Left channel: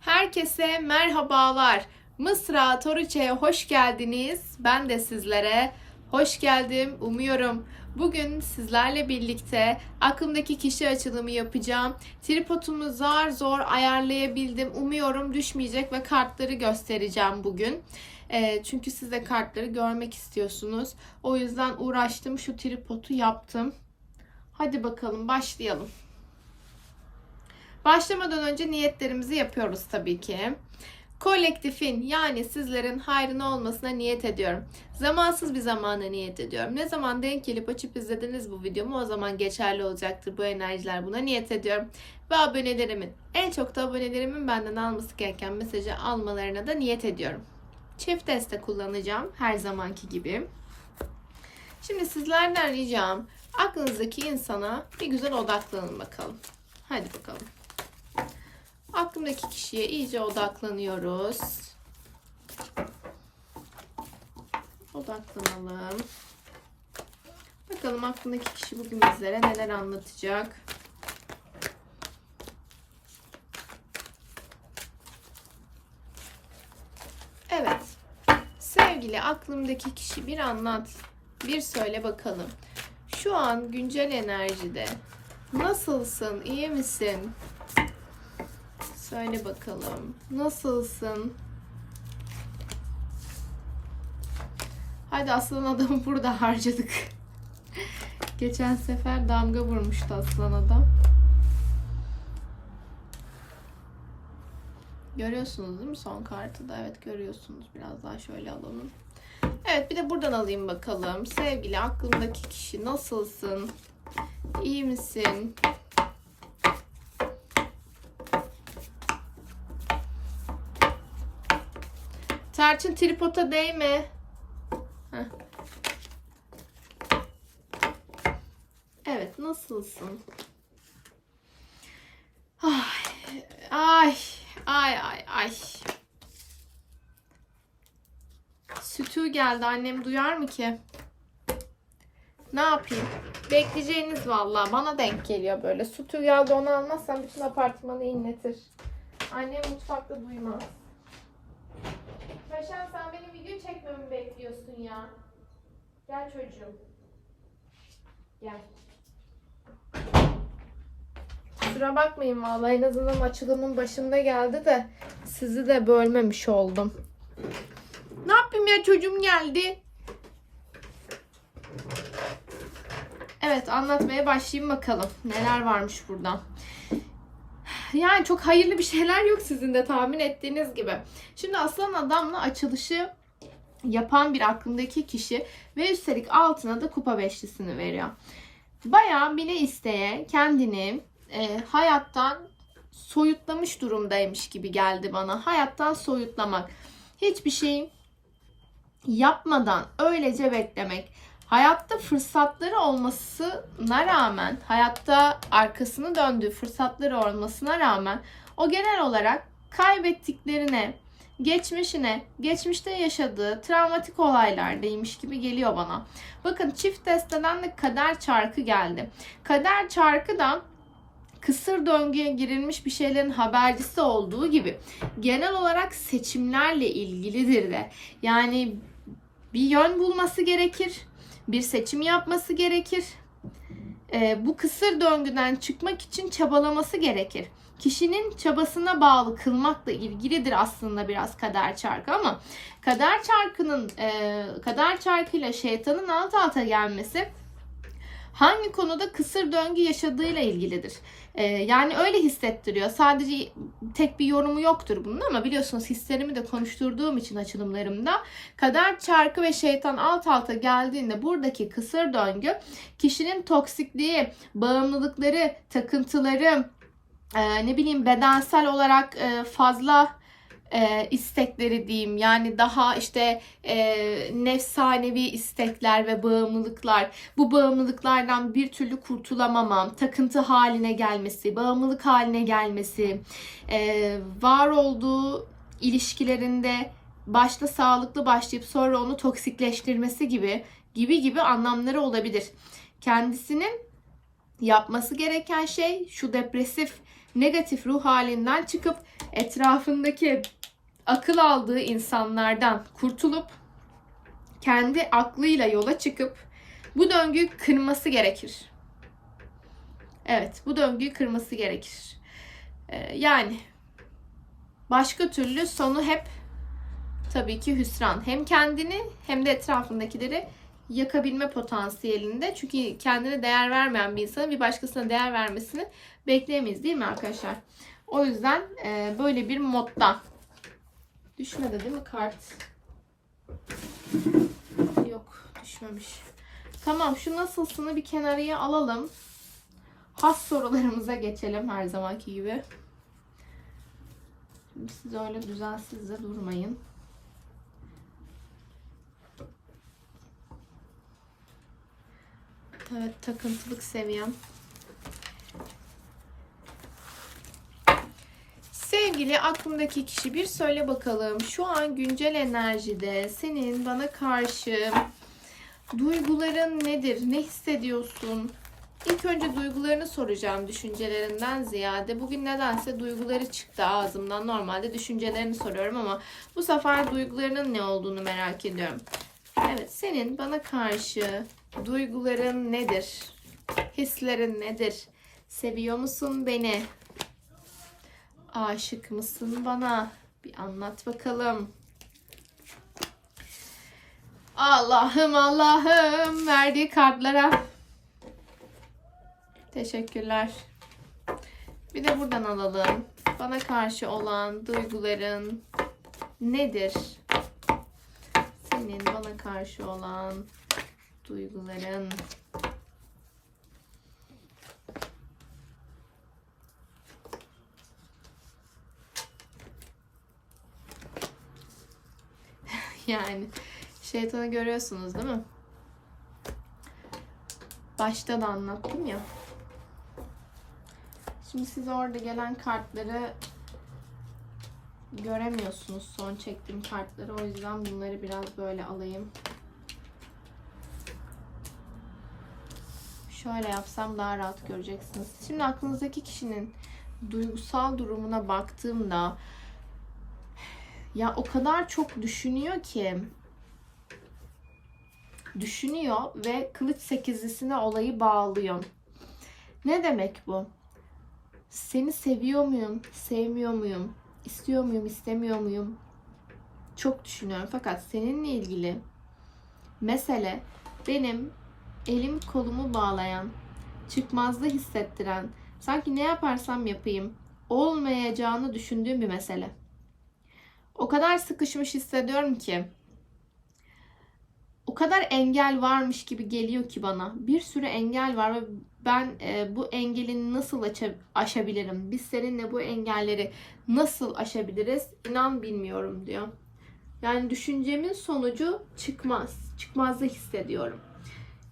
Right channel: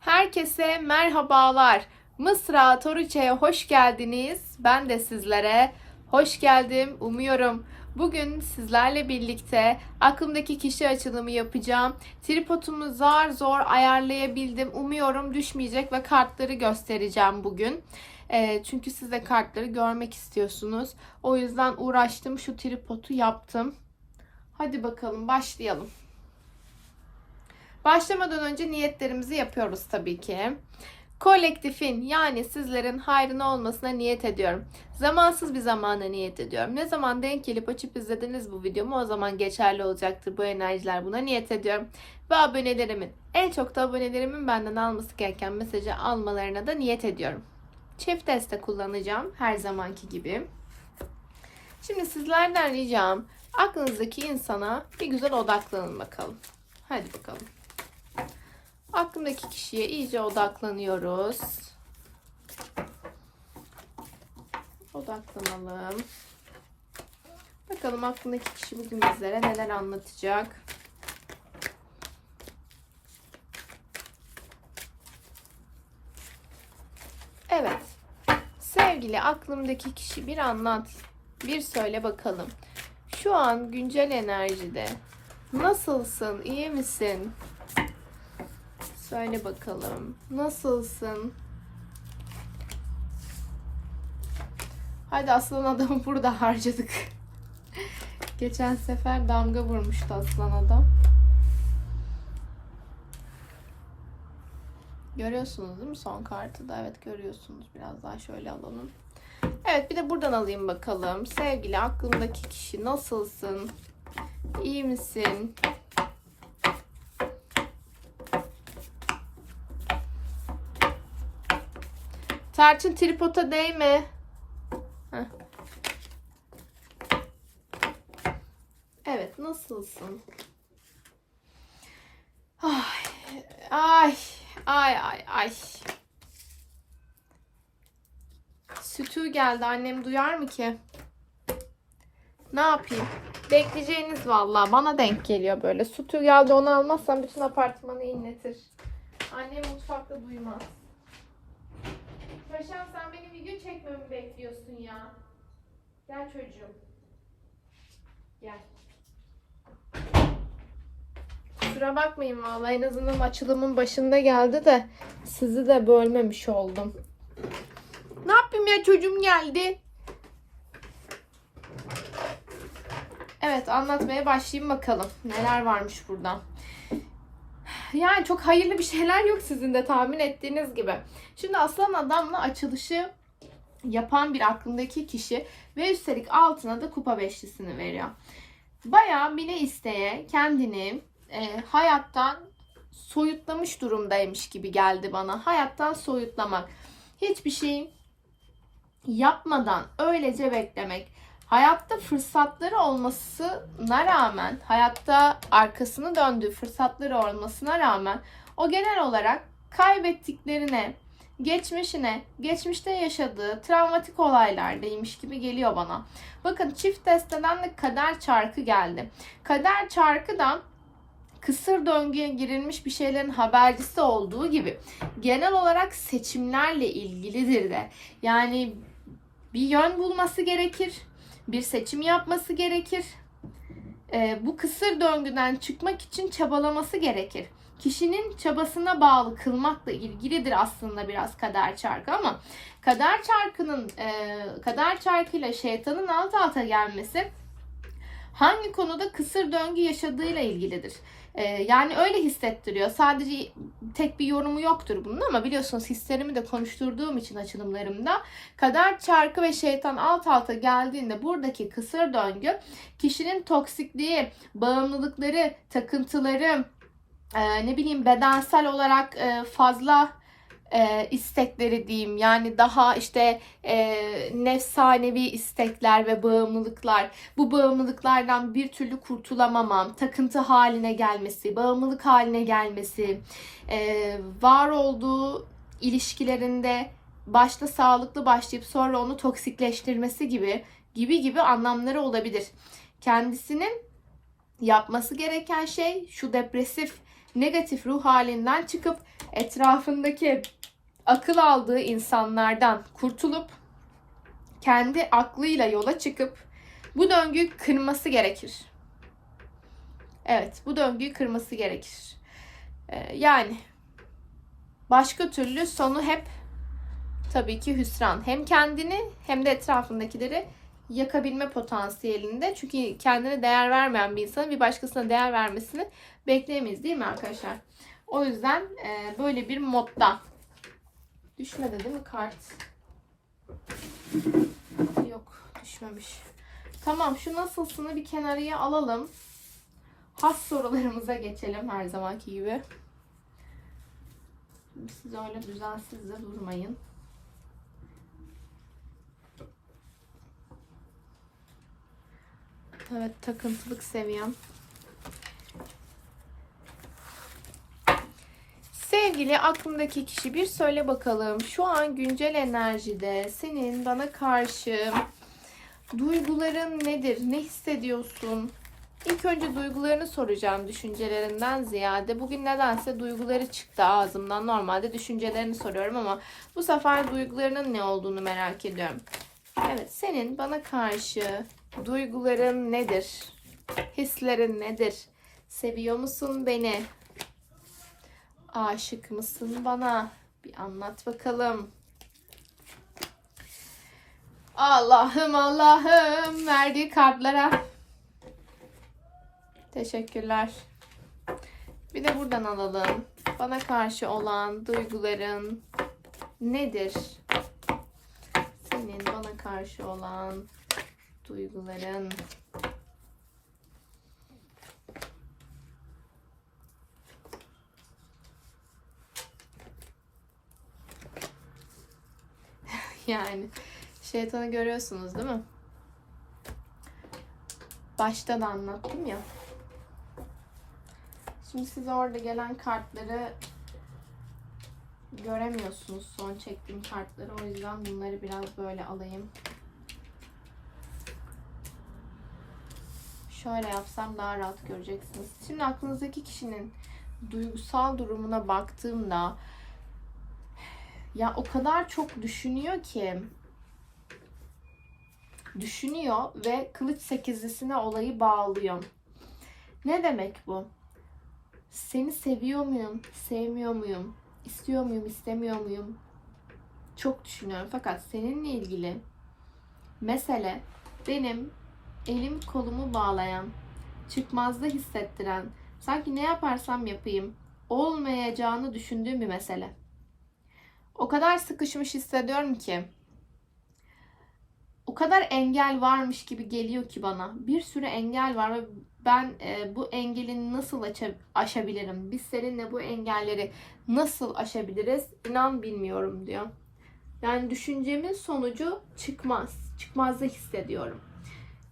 Herkese merhabalar. Mısra Toriçe'ye hoş geldiniz. Ben de sizlere hoş geldim. Umuyorum bugün sizlerle birlikte aklımdaki kişi açılımı yapacağım. Tripodumu zar zor ayarlayabildim. Umuyorum düşmeyecek ve kartları göstereceğim bugün. Ee, çünkü siz de kartları görmek istiyorsunuz. O yüzden uğraştım. Şu tripodu yaptım. Hadi bakalım başlayalım. Başlamadan önce niyetlerimizi yapıyoruz tabii ki. Kolektifin yani sizlerin hayrına olmasına niyet ediyorum. Zamansız bir zamana niyet ediyorum. Ne zaman denk gelip açıp izlediniz bu videomu o zaman geçerli olacaktır bu enerjiler. Buna niyet ediyorum. Ve abonelerimin en çok da abonelerimin benden alması gereken mesajı almalarına da niyet ediyorum. Çift deste kullanacağım her zamanki gibi. Şimdi sizlerden ricam aklınızdaki insana bir güzel odaklanın bakalım. Hadi bakalım. Aklımdaki kişiye iyice odaklanıyoruz. Odaklanalım. Bakalım aklımdaki kişi bugün bizlere neler anlatacak. Evet. Sevgili aklımdaki kişi bir anlat. Bir söyle bakalım. Şu an güncel enerjide nasılsın? İyi misin? Söyle bakalım. Nasılsın? Hadi aslan adamı burada harcadık. Geçen sefer damga vurmuştu aslan adam. Görüyorsunuz değil mi son kartı da? Evet görüyorsunuz. Biraz daha şöyle alalım. Evet bir de buradan alayım bakalım. Sevgili aklımdaki kişi nasılsın? İyi misin? Tarçın tripota değme. Heh. Evet, nasılsın? Ay, ay, ay, ay, ay. Sütü geldi. Annem duyar mı ki? Ne yapayım? Bekleyeceğiniz vallahi. Bana denk geliyor böyle. Sütü geldi onu almazsam bütün apartmanı inletir. Annem mutfakta duymaz. Paşam sen benim video çekmemi bekliyorsun ya. Gel çocuğum. Gel. Kusura bakmayın vallahi en azından açılımın başında geldi de sizi de bölmemiş oldum. Ne yapayım ya çocuğum geldi. Evet anlatmaya başlayayım bakalım. Neler varmış burada. Yani çok hayırlı bir şeyler yok sizin de tahmin ettiğiniz gibi. Şimdi aslan adamla açılışı yapan bir aklımdaki kişi ve üstelik altına da kupa beşlisini veriyor. Bayağı bile isteye kendini e, hayattan soyutlamış durumdaymış gibi geldi bana. Hayattan soyutlamak. Hiçbir şey yapmadan öylece beklemek. Hayatta fırsatları olmasına rağmen, hayatta arkasını döndüğü fırsatları olmasına rağmen o genel olarak kaybettiklerine, geçmişine, geçmişte yaşadığı travmatik olaylardaymış gibi geliyor bana. Bakın çift desteden de kader çarkı geldi. Kader çarkı da kısır döngüye girilmiş bir şeylerin habercisi olduğu gibi genel olarak seçimlerle ilgilidir de. Yani bir yön bulması gerekir bir seçim yapması gerekir. Ee, bu kısır döngüden çıkmak için çabalaması gerekir. Kişinin çabasına bağlı kılmakla ilgilidir aslında biraz kader çarkı ama kader çarkının e, kader çarkıyla şeytanın alt alta gelmesi hangi konuda kısır döngü yaşadığıyla ilgilidir. Ee, yani öyle hissettiriyor. Sadece tek bir yorumu yoktur bunun ama biliyorsunuz hislerimi de konuşturduğum için açılımlarımda kader çarkı ve şeytan alt alta geldiğinde buradaki kısır döngü kişinin toksikliği, bağımlılıkları, takıntıları, e, ne bileyim bedensel olarak e, fazla e, istekleri diyeyim. Yani daha işte e, nefsanevi istekler ve bağımlılıklar. Bu bağımlılıklardan bir türlü kurtulamamam takıntı haline gelmesi bağımlılık haline gelmesi e, var olduğu ilişkilerinde başta sağlıklı başlayıp sonra onu toksikleştirmesi gibi gibi gibi anlamları olabilir. Kendisinin yapması gereken şey şu depresif negatif ruh halinden çıkıp etrafındaki akıl aldığı insanlardan kurtulup kendi aklıyla yola çıkıp bu döngüyü kırması gerekir. Evet, bu döngüyü kırması gerekir. Ee, yani başka türlü sonu hep tabii ki hüsran. Hem kendini hem de etrafındakileri yakabilme potansiyelinde. Çünkü kendine değer vermeyen bir insanın bir başkasına değer vermesini bekleyemeyiz değil mi arkadaşlar? O yüzden e, böyle bir modda. Düşmedi değil mi kart? Yok düşmemiş. Tamam şu nasılsını bir kenarıya alalım. Has sorularımıza geçelim her zamanki gibi. Şimdi siz öyle düzensiz de durmayın. Evet takıntılık seviyem. Sevgili aklındaki kişi bir söyle bakalım. Şu an güncel enerjide senin bana karşı duyguların nedir? Ne hissediyorsun? İlk önce duygularını soracağım düşüncelerinden ziyade. Bugün nedense duyguları çıktı ağzımdan. Normalde düşüncelerini soruyorum ama bu sefer duygularının ne olduğunu merak ediyorum. Evet, senin bana karşı duyguların nedir? Hislerin nedir? Seviyor musun beni? Aşık mısın bana? Bir anlat bakalım. Allah'ım Allah'ım verdiği kartlara teşekkürler. Bir de buradan alalım. Bana karşı olan duyguların nedir? Senin bana karşı olan duyguların yani şeytanı görüyorsunuz değil mi? Başta da anlattım ya. Şimdi siz orada gelen kartları göremiyorsunuz son çektiğim kartları. O yüzden bunları biraz böyle alayım. Şöyle yapsam daha rahat göreceksiniz. Şimdi aklınızdaki kişinin duygusal durumuna baktığımda ya o kadar çok düşünüyor ki düşünüyor ve kılıç sekizlisine olayı bağlıyor. Ne demek bu? Seni seviyor muyum? Sevmiyor muyum? İstiyor muyum? istemiyor muyum? Çok düşünüyorum. Fakat seninle ilgili mesele benim elim kolumu bağlayan, çıkmazda hissettiren, sanki ne yaparsam yapayım olmayacağını düşündüğüm bir mesele. O kadar sıkışmış hissediyorum ki o kadar engel varmış gibi geliyor ki bana. Bir sürü engel var ve ben e, bu engeli nasıl aşa- aşabilirim? Biz seninle bu engelleri nasıl aşabiliriz? İnan bilmiyorum diyor. Yani düşüncemin sonucu çıkmaz. Çıkmazda hissediyorum.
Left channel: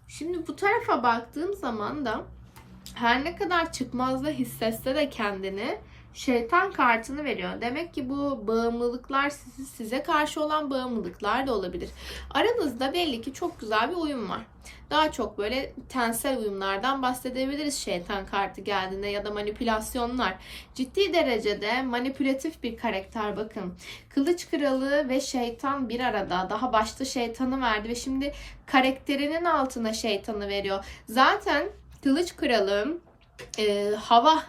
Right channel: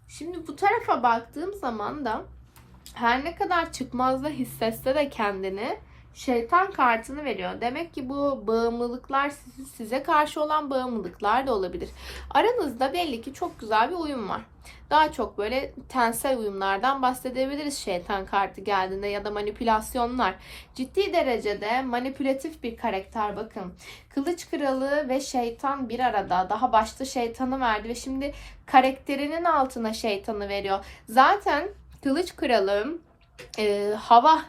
Şimdi bu tarafa baktığım zaman da her ne kadar çıkmazda hissetse de kendini şeytan kartını veriyor. Demek ki bu bağımlılıklar size karşı olan bağımlılıklar da olabilir. Aranızda belli ki çok güzel bir uyum var. Daha çok böyle tensel uyumlardan bahsedebiliriz şeytan kartı geldiğinde ya da manipülasyonlar. Ciddi derecede manipülatif bir karakter bakın. Kılıç kralı ve şeytan bir arada. Daha başta şeytanı verdi ve şimdi karakterinin altına şeytanı veriyor. Zaten kılıç kralı e, hava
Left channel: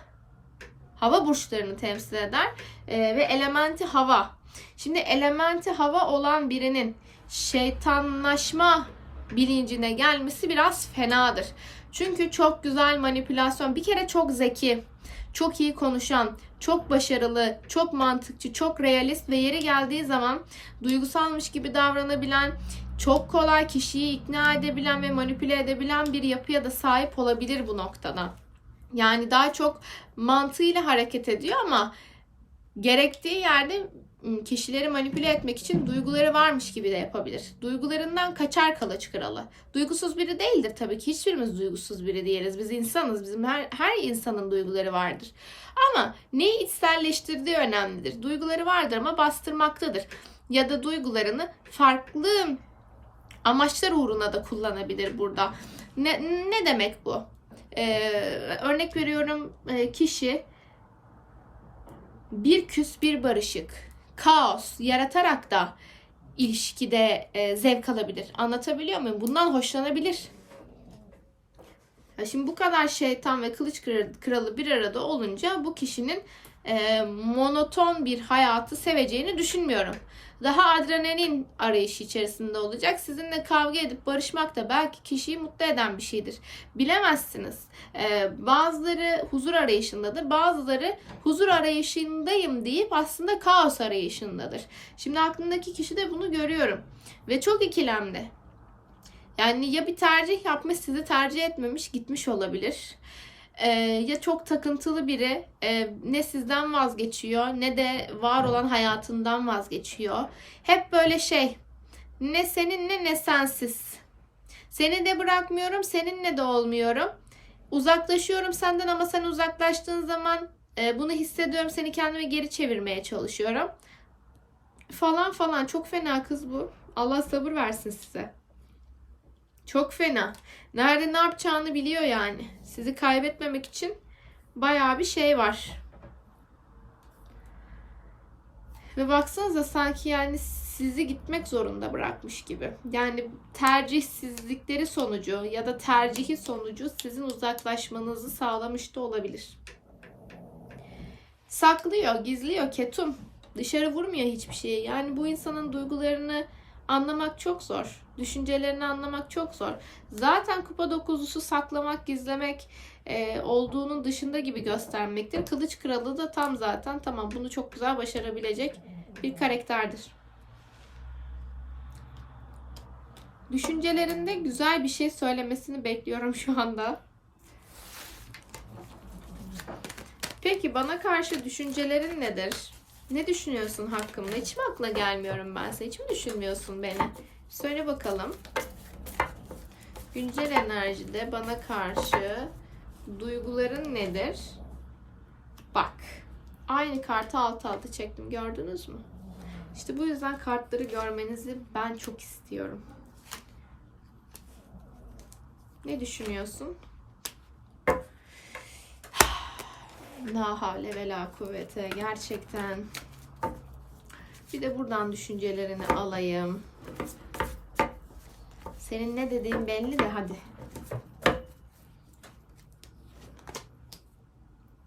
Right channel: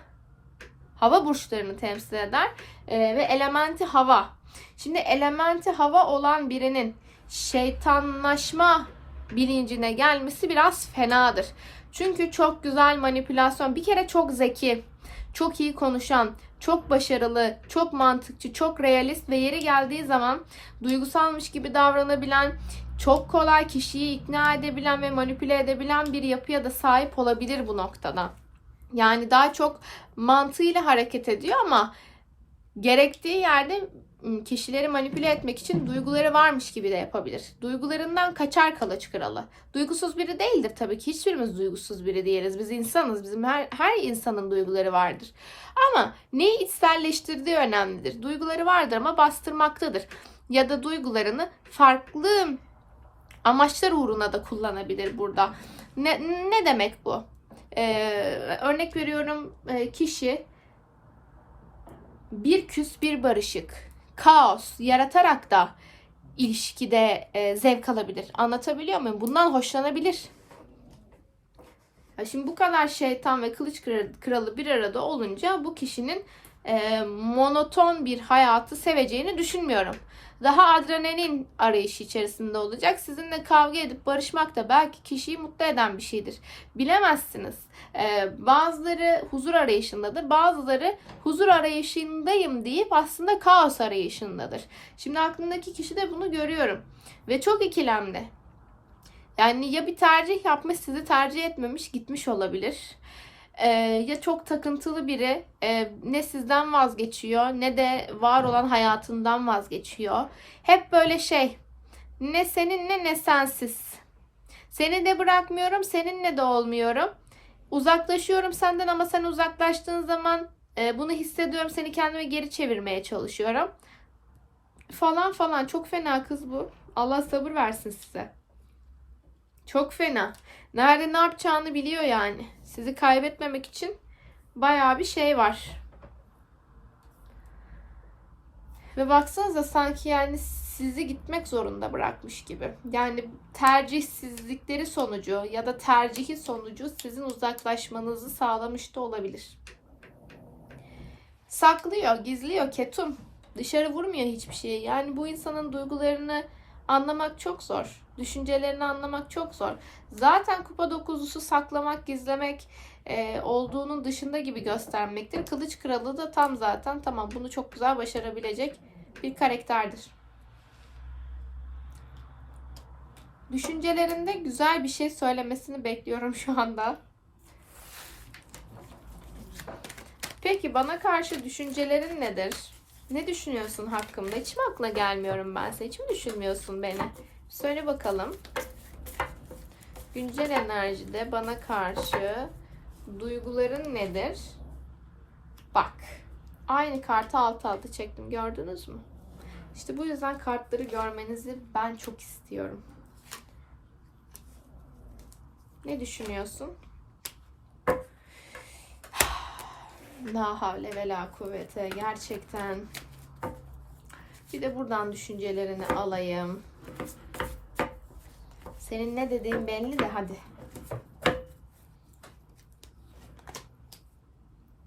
hava burçlarını temsil eder e, ve elementi hava. Şimdi elementi hava olan birinin şeytanlaşma bilincine gelmesi biraz fenadır. Çünkü çok güzel manipülasyon. Bir kere çok zeki, çok iyi konuşan, çok başarılı, çok mantıkçı, çok realist ve yeri geldiği zaman duygusalmış gibi davranabilen, çok kolay kişiyi ikna edebilen ve manipüle edebilen bir yapıya da sahip olabilir bu noktada. Yani daha çok mantığıyla hareket ediyor ama gerektiği yerde kişileri manipüle etmek için duyguları varmış gibi de yapabilir. Duygularından kaçar kalaç kralı. Duygusuz biri değildir tabii ki. Hiçbirimiz duygusuz biri değiliz. Biz insanız. Bizim her, her insanın duyguları vardır. Ama neyi içselleştirdiği önemlidir. Duyguları vardır ama bastırmaktadır. Ya da duygularını farklı amaçlar uğruna da kullanabilir burada. Ne, ne demek bu? Ee, örnek veriyorum e, kişi bir küs bir barışık, kaos yaratarak da ilişkide e, zevk alabilir. Anlatabiliyor muyum? Bundan hoşlanabilir. Ya şimdi bu kadar şeytan ve kılıç kralı bir arada olunca bu kişinin e, monoton bir hayatı seveceğini düşünmüyorum. Daha adrenalin arayışı içerisinde olacak. Sizinle kavga edip barışmak da belki kişiyi mutlu eden bir şeydir. Bilemezsiniz. E, bazıları huzur arayışındadır. Bazıları huzur arayışındayım deyip aslında kaos arayışındadır. Şimdi aklındaki kişi de bunu görüyorum. Ve çok ikilemli. Yani ya bir tercih yapmış sizi tercih etmemiş gitmiş olabilir. Ee, ya çok takıntılı biri e, ne sizden vazgeçiyor ne de var olan hayatından vazgeçiyor. Hep böyle şey ne seninle ne sensiz. Seni de bırakmıyorum seninle de olmuyorum. Uzaklaşıyorum senden ama sen uzaklaştığın zaman e, bunu hissediyorum seni kendime geri çevirmeye çalışıyorum. Falan falan çok fena kız bu. Allah sabır versin size. Çok fena. Nerede ne yapacağını biliyor yani. Sizi kaybetmemek için bayağı bir şey var. Ve baksanıza sanki yani sizi gitmek zorunda bırakmış gibi. Yani tercihsizlikleri sonucu ya da tercihi sonucu sizin uzaklaşmanızı sağlamış da olabilir. Saklıyor, gizliyor, ketum. Dışarı vurmuyor hiçbir şeyi. Yani bu insanın duygularını anlamak çok zor. Düşüncelerini anlamak çok zor. Zaten kupa dokuzlusu saklamak, gizlemek e, olduğunun dışında gibi göstermektir. Kılıç kralı da tam zaten tamam bunu çok güzel başarabilecek bir karakterdir. Düşüncelerinde güzel bir şey söylemesini bekliyorum şu anda. Peki bana karşı düşüncelerin nedir? Ne düşünüyorsun hakkımda? Hiç mi aklına gelmiyorum ben sen? Hiç mi düşünmüyorsun beni? Söyle bakalım. Güncel enerjide bana karşı duyguların nedir? Bak. Aynı kartı alt alta çektim. Gördünüz mü? İşte bu yüzden kartları görmenizi ben çok istiyorum. Ne düşünüyorsun? La havle ve la kuvvete. Gerçekten. Bir de buradan düşüncelerini alayım. Senin ne dediğin belli de hadi.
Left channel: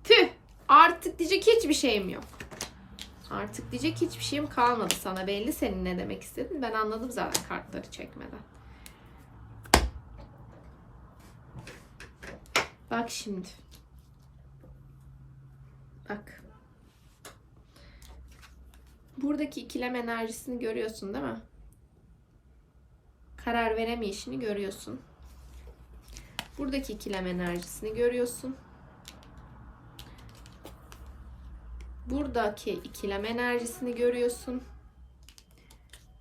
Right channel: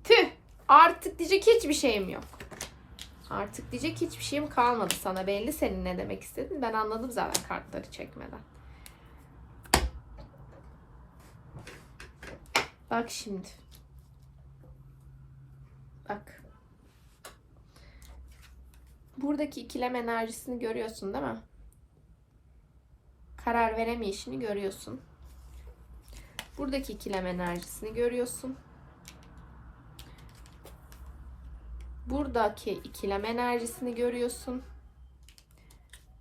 Tüh! Artık diyecek hiçbir şeyim yok. Artık diyecek hiçbir şeyim kalmadı sana. Belli senin ne demek istedin. Ben anladım zaten kartları çekmeden. Bak şimdi. Bak. Buradaki ikilem enerjisini görüyorsun değil mi? Karar veremeyişini görüyorsun. Buradaki ikilem enerjisini görüyorsun. Buradaki ikilem enerjisini görüyorsun.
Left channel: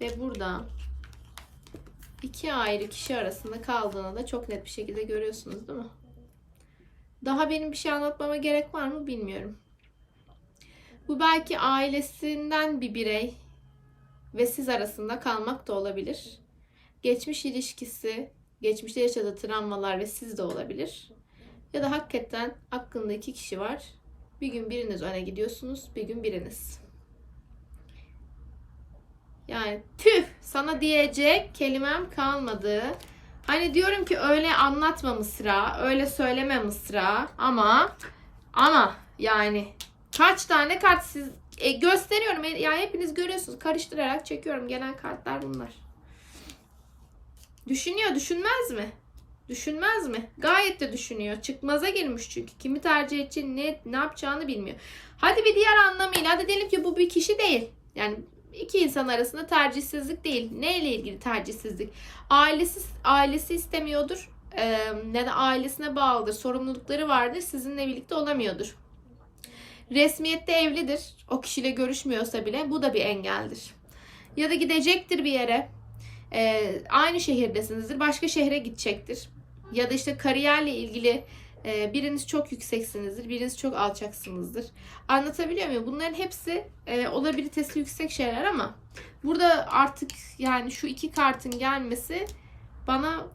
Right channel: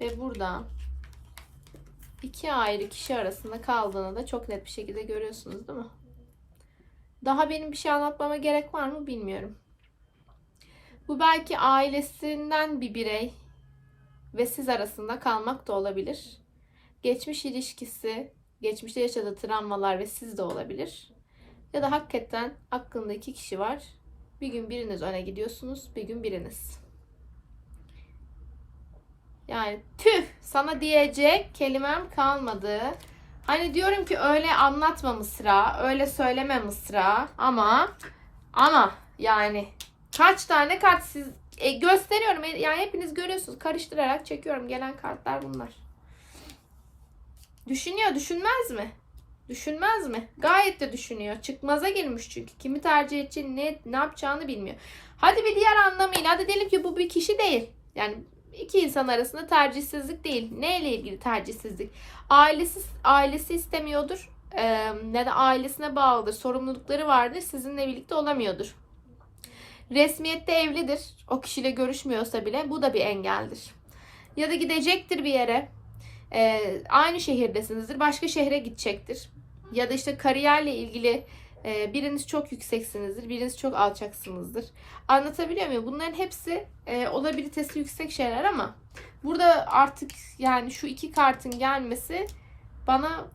Ve burada iki ayrı kişi arasında kaldığını da çok net bir şekilde görüyorsunuz değil mi? Daha benim bir şey anlatmama gerek var mı bilmiyorum. Bu belki ailesinden bir birey ve siz arasında kalmak da olabilir. Geçmiş ilişkisi, geçmişte yaşadığı travmalar ve siz de olabilir. Ya da hakikaten aklında iki kişi var. Bir gün biriniz öne gidiyorsunuz, bir gün biriniz. Yani tüh sana diyecek kelimem kalmadı. Hani diyorum ki öyle anlatma Mısra, öyle söyleme Mısra ama ama yani kaç tane kart siz e, gösteriyorum. E, Yani hepiniz görüyorsunuz. Karıştırarak çekiyorum. Gelen kartlar bunlar. Düşünüyor, düşünmez mi? Düşünmez mi? Gayet de düşünüyor. Çıkmaza girmiş çünkü. Kimi tercih edeceğini, ne, ne yapacağını bilmiyor. Hadi bir diğer anlamıyla, hadi diyelim ki bu bir kişi değil. Yani iki insan arasında tercihsizlik değil. Neyle ilgili tercihsizlik? Ailesi, ailesi istemiyordur. Ee, ya da ailesine bağlıdır. Sorumlulukları vardır. Sizinle birlikte olamıyordur. Resmiyette evlidir. O kişiyle görüşmüyorsa bile bu da bir engeldir. Ya da gidecektir bir yere. Ee, aynı şehirdesinizdir. Başka şehre gidecektir. Ya da işte kariyerle ilgili e, biriniz çok yükseksinizdir. Biriniz çok alçaksınızdır. Anlatabiliyor muyum? Bunların hepsi e, olabilitesi yüksek şeyler ama burada artık yani şu iki kartın gelmesi bana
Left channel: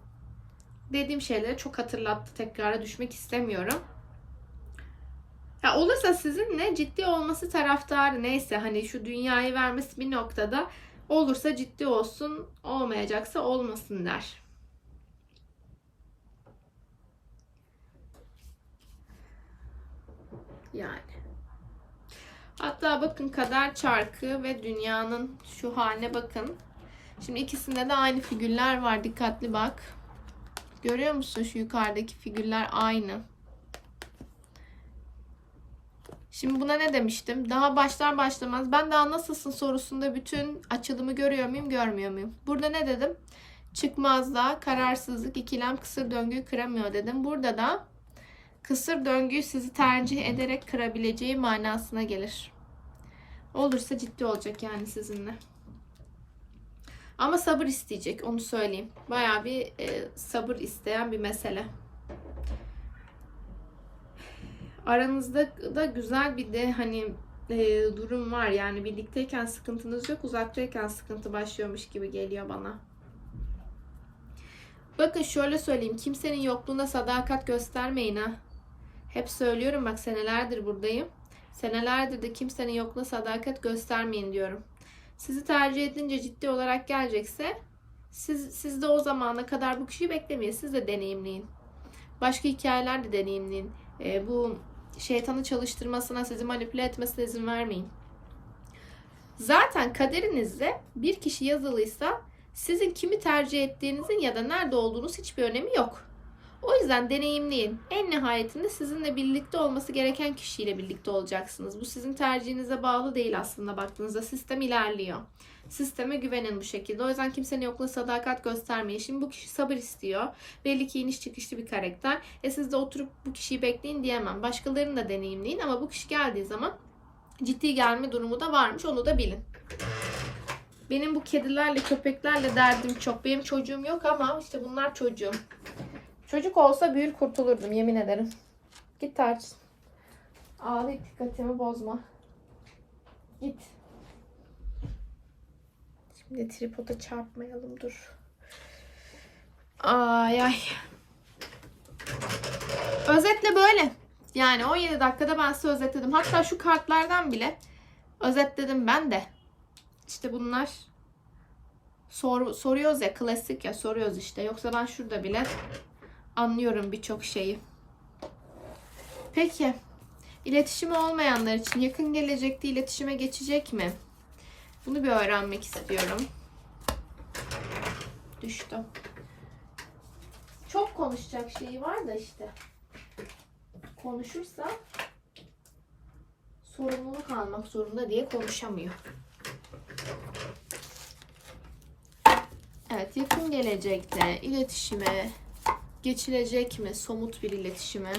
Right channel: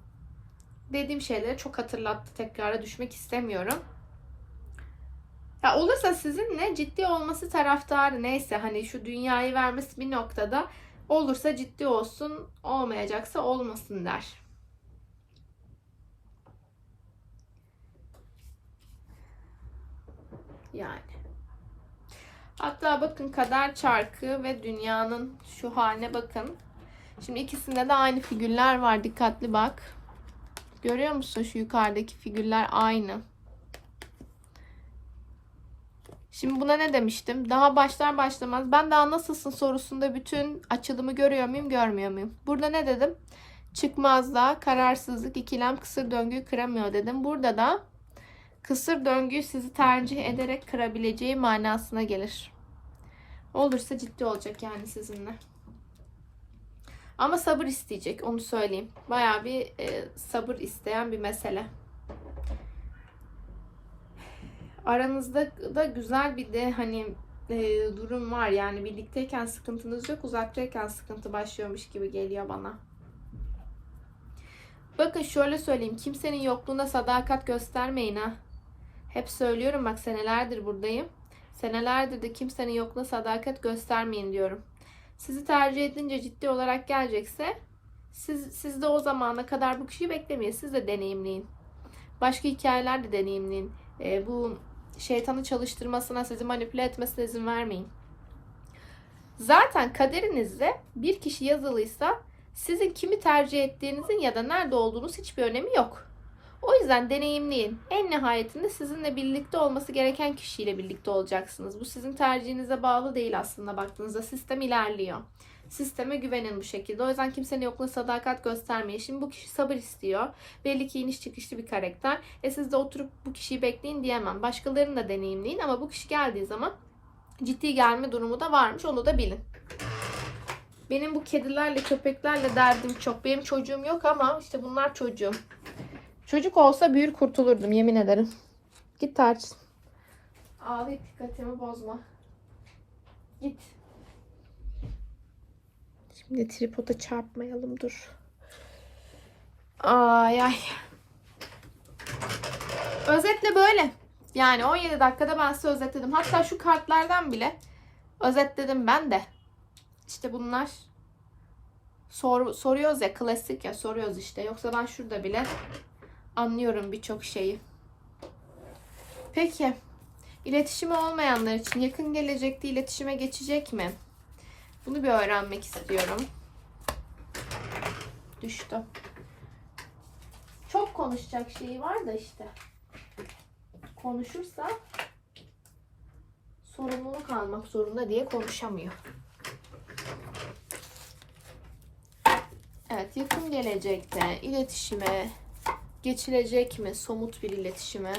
dediğim şeyleri çok hatırlattı. Tekrara düşmek istemiyorum. Ya olursa sizinle ciddi olması taraftarı neyse hani şu dünyayı vermesi bir noktada olursa ciddi olsun olmayacaksa olmasın der. Yani. Hatta bakın kader çarkı ve dünyanın şu haline bakın. Şimdi ikisinde de aynı figürler var. Dikkatli bak. Görüyor musun şu yukarıdaki figürler aynı. Şimdi buna ne demiştim? Daha başlar başlamaz ben daha nasılsın sorusunda bütün açılımı görüyor muyum, görmüyor muyum? Burada ne dedim? Çıkmazda, kararsızlık, ikilem, kısır döngüyü kıramıyor dedim. Burada da kısır döngüyü sizi tercih ederek kırabileceği manasına gelir. Olursa ciddi olacak yani sizinle. Ama sabır isteyecek onu söyleyeyim. Bayağı bir e, sabır isteyen bir mesele. Aranızda da güzel bir de hani e, durum var. Yani birlikteyken sıkıntınız yok, uzaktayken sıkıntı başlıyormuş gibi geliyor bana. Bakın şöyle söyleyeyim. Kimsenin yokluğuna sadakat göstermeyin ha. Hep söylüyorum bak senelerdir buradayım. Senelerdir de kimsenin yokluğuna sadakat göstermeyin diyorum. Sizi tercih edince ciddi olarak gelecekse siz, siz de o zamana kadar bu kişiyi beklemeyin. Siz de deneyimleyin. Başka hikayeler de deneyimleyin. E, bu şeytanı çalıştırmasına, sizi manipüle etmesine izin vermeyin. Zaten kaderinizde bir kişi yazılıysa sizin kimi tercih ettiğinizin ya da nerede olduğunuz hiçbir önemi yok. O yüzden deneyimleyin. En nihayetinde sizinle birlikte olması gereken kişiyle birlikte olacaksınız. Bu sizin tercihinize bağlı değil aslında baktığınızda. Sistem ilerliyor. Sisteme güvenin bu şekilde. O yüzden kimsenin yokluğuna sadakat göstermeyin. Şimdi bu kişi sabır istiyor. Belli ki iniş çıkışlı bir karakter. E siz de oturup bu kişiyi bekleyin diyemem. Başkalarını da deneyimleyin ama bu kişi geldiği zaman ciddi gelme durumu da varmış. Onu da bilin. Benim bu kedilerle, köpeklerle derdim çok. Benim çocuğum yok ama işte bunlar çocuğum. Çocuk olsa büyür kurtulurdum yemin ederim. Git tarçın. Ağlayıp dikkatimi bozma. Git. Şimdi tripoda çarpmayalım dur. Ay ay. Özetle böyle. Yani 17 dakikada ben size özetledim. Hatta şu kartlardan bile özetledim ben de. İşte bunlar sor, soruyoruz ya klasik ya soruyoruz işte. Yoksa ben şurada bile anlıyorum birçok şeyi. Peki. İletişimi olmayanlar için yakın gelecekte iletişime geçecek mi? Bunu bir öğrenmek istiyorum. Düştü. Çok konuşacak şeyi var da işte. Konuşursa sorumluluk almak zorunda diye konuşamıyor. Evet, yakın gelecekte iletişime geçilecek mi? Somut bir iletişime.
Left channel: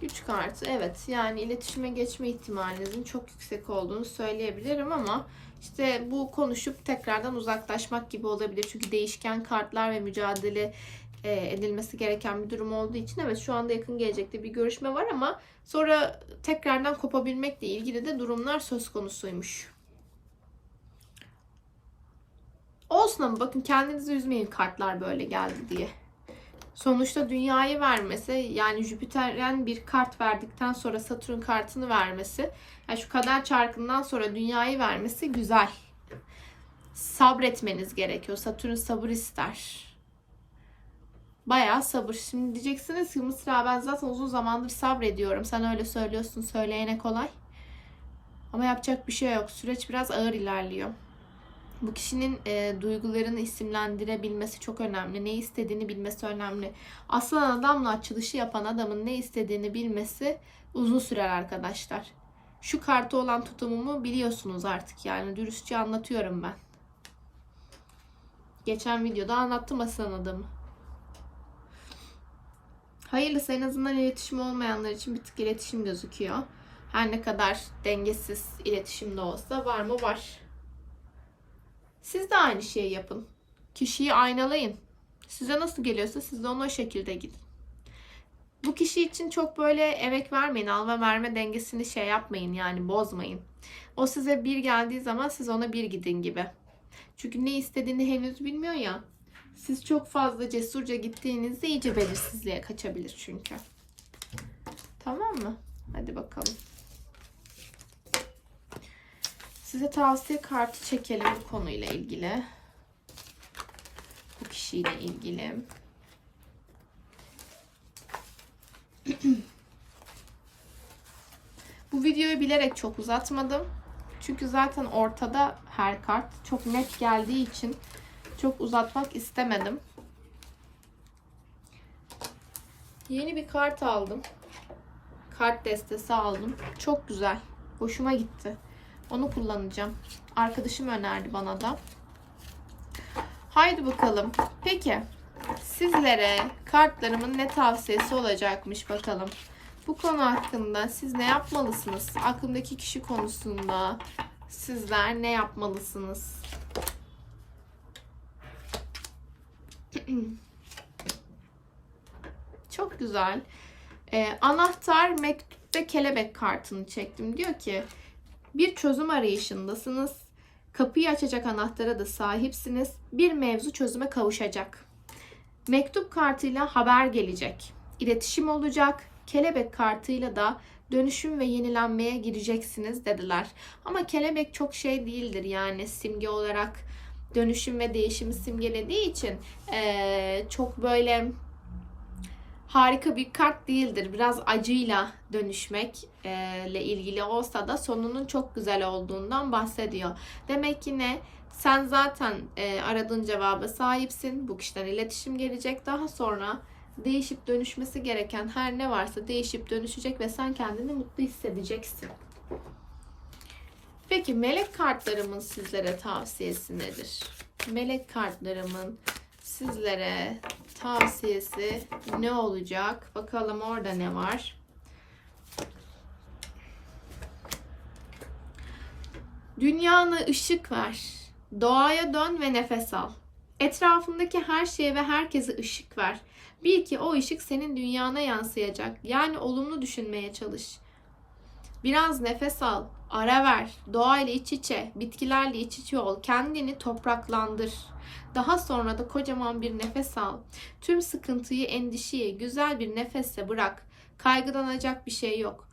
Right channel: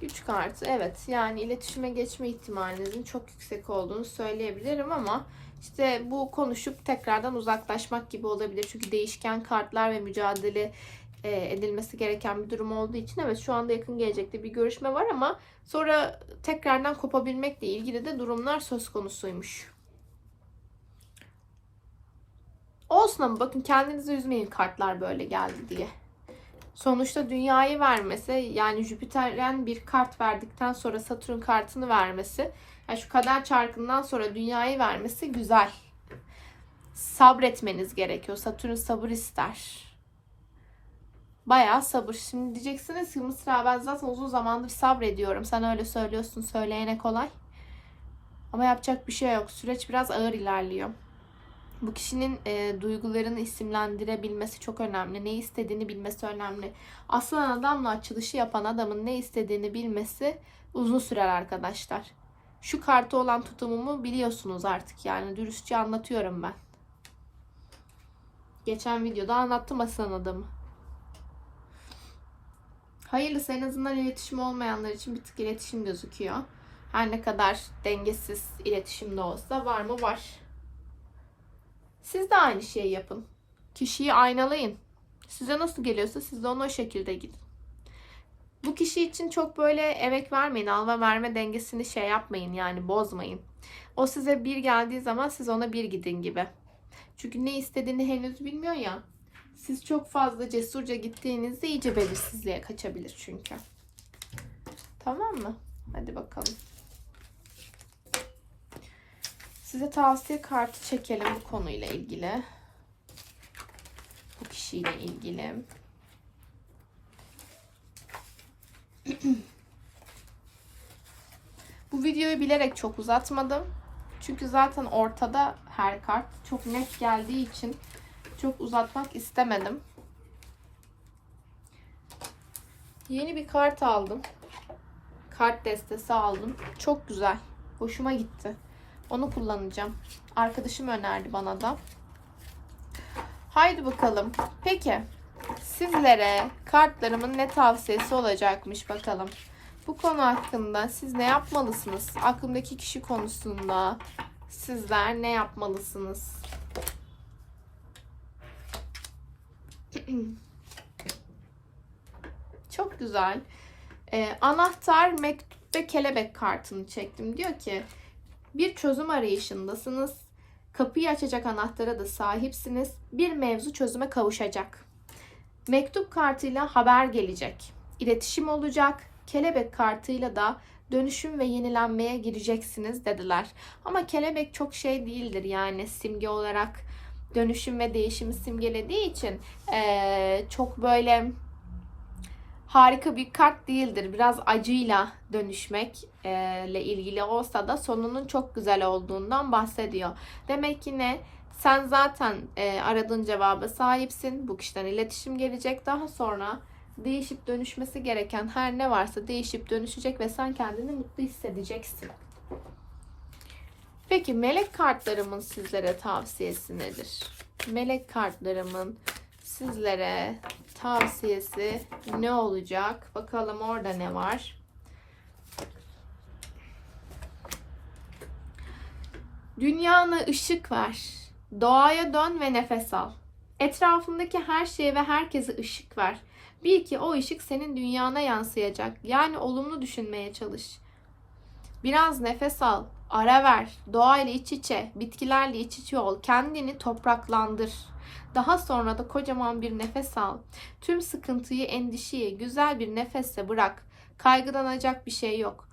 Güç kartı. Evet, yani iletişime geçme ihtimalinizin çok yüksek olduğunu söyleyebilirim ama işte bu konuşup tekrardan uzaklaşmak gibi olabilir. Çünkü değişken kartlar ve mücadele e, edilmesi gereken bir durum olduğu için evet şu anda yakın gelecekte bir görüşme var ama sonra tekrardan kopabilmekle ilgili de durumlar söz konusuymuş. Olsun ama bakın kendinizi üzmeyin kartlar böyle geldi diye. Sonuçta dünyayı vermesi yani Jüpiter'den bir kart verdikten sonra Satürn kartını vermesi yani şu kader çarkından sonra dünyayı vermesi güzel. Sabretmeniz gerekiyor. Satürn sabır ister. Bayağı sabır. Şimdi diyeceksiniz ki Mısra ben zaten uzun zamandır sabrediyorum. Sen öyle söylüyorsun söyleyene kolay. Ama yapacak bir şey yok. Süreç biraz ağır ilerliyor. Bu kişinin e, duygularını isimlendirebilmesi çok önemli. Ne istediğini bilmesi önemli. Aslan adamla açılışı yapan adamın ne istediğini bilmesi uzun sürer arkadaşlar. Şu kartı olan tutumumu biliyorsunuz artık yani dürüstçe anlatıyorum ben. Geçen videoda anlattım aslan adamı. Hayırlısı en azından iletişim olmayanlar için bir tık iletişim gözüküyor. Her ne kadar dengesiz iletişimde olsa var mı var. Siz de aynı şeyi yapın. Kişiyi aynalayın. Size nasıl geliyorsa siz de ona o şekilde gidin. Bu kişi için çok böyle emek vermeyin. Alma verme dengesini şey yapmayın yani bozmayın. O size bir geldiği zaman siz ona bir gidin gibi. Çünkü ne istediğini henüz bilmiyor ya. Siz çok fazla cesurca gittiğinizde iyice belirsizliğe kaçabilir çünkü. Tamam mı? Hadi bakalım. Size tavsiye kartı çekelim bu konuyla ilgili. Bu kişiyle ilgili. Bu videoyu bilerek çok uzatmadım. Çünkü zaten ortada her kart çok net geldiği için çok uzatmak istemedim. Yeni bir kart aldım. Kart destesi aldım. Çok güzel. Hoşuma gitti. Onu kullanacağım. Arkadaşım önerdi bana da. Haydi bakalım. Peki sizlere kartlarımın ne tavsiyesi olacakmış bakalım. Bu konu hakkında siz ne yapmalısınız? Aklımdaki kişi konusunda sizler ne yapmalısınız? Çok güzel. Ee, anahtar, mektup ve kelebek kartını çektim. Diyor ki bir çözüm arayışındasınız. Kapıyı açacak anahtara da sahipsiniz. Bir mevzu çözüme kavuşacak. Mektup kartıyla haber gelecek. İletişim olacak. Kelebek kartıyla da dönüşüm ve yenilenmeye gireceksiniz dediler. Ama kelebek çok şey değildir yani simge olarak dönüşüm ve değişimi simgelediği için eee, çok böyle harika bir kart değildir. Biraz acıyla dönüşmek eee, ile ilgili olsa da sonunun çok güzel olduğundan bahsediyor. Demek ki ne? Sen zaten eee, aradığın cevaba sahipsin. Bu kişiden iletişim gelecek. Daha sonra değişip dönüşmesi gereken her ne varsa değişip dönüşecek ve sen kendini mutlu hissedeceksin. Peki melek kartlarımın sizlere tavsiyesi nedir? Melek kartlarımın sizlere tavsiyesi ne olacak? Bakalım orada ne var? Dünyana ışık ver. Doğaya dön ve nefes al. Etrafındaki her şeye ve herkese ışık ver. Bil ki o ışık senin dünyana yansıyacak. Yani olumlu düşünmeye çalış. Biraz nefes al, ara ver, doğayla iç içe, bitkilerle iç içe ol, kendini topraklandır. Daha sonra da kocaman bir nefes al. Tüm sıkıntıyı, endişeyi güzel bir nefesle bırak. Kaygılanacak bir şey yok.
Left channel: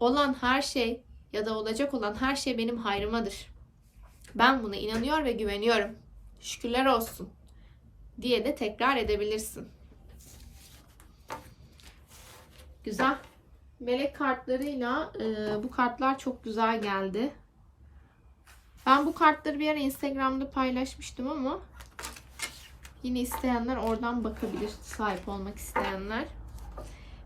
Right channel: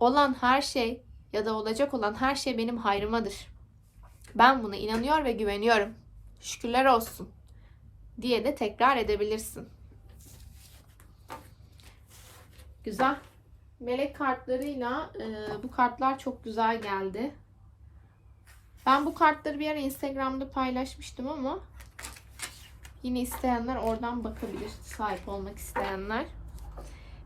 Olan her şey ya da olacak olan her şey benim hayrımadır. Ben buna inanıyor ve güveniyorum. Şükürler olsun diye de tekrar edebilirsin. Güzel. Melek kartlarıyla e, bu kartlar çok güzel geldi. Ben bu kartları bir ara Instagram'da paylaşmıştım ama yine isteyenler oradan bakabilir. Sahip olmak isteyenler.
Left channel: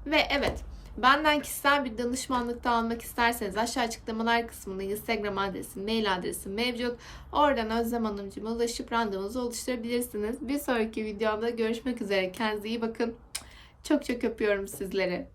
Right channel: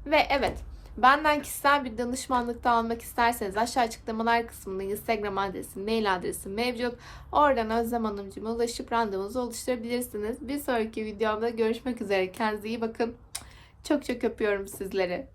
Ve evet benden kişisel bir danışmanlık da almak isterseniz aşağı açıklamalar kısmında Instagram adresim, mail adresim mevcut. Oradan Özlem Hanımcığıma ulaşıp randevunuzu oluşturabilirsiniz. Bir sonraki videomda görüşmek üzere. Kendinize iyi bakın. Çok çok öpüyorum sizleri.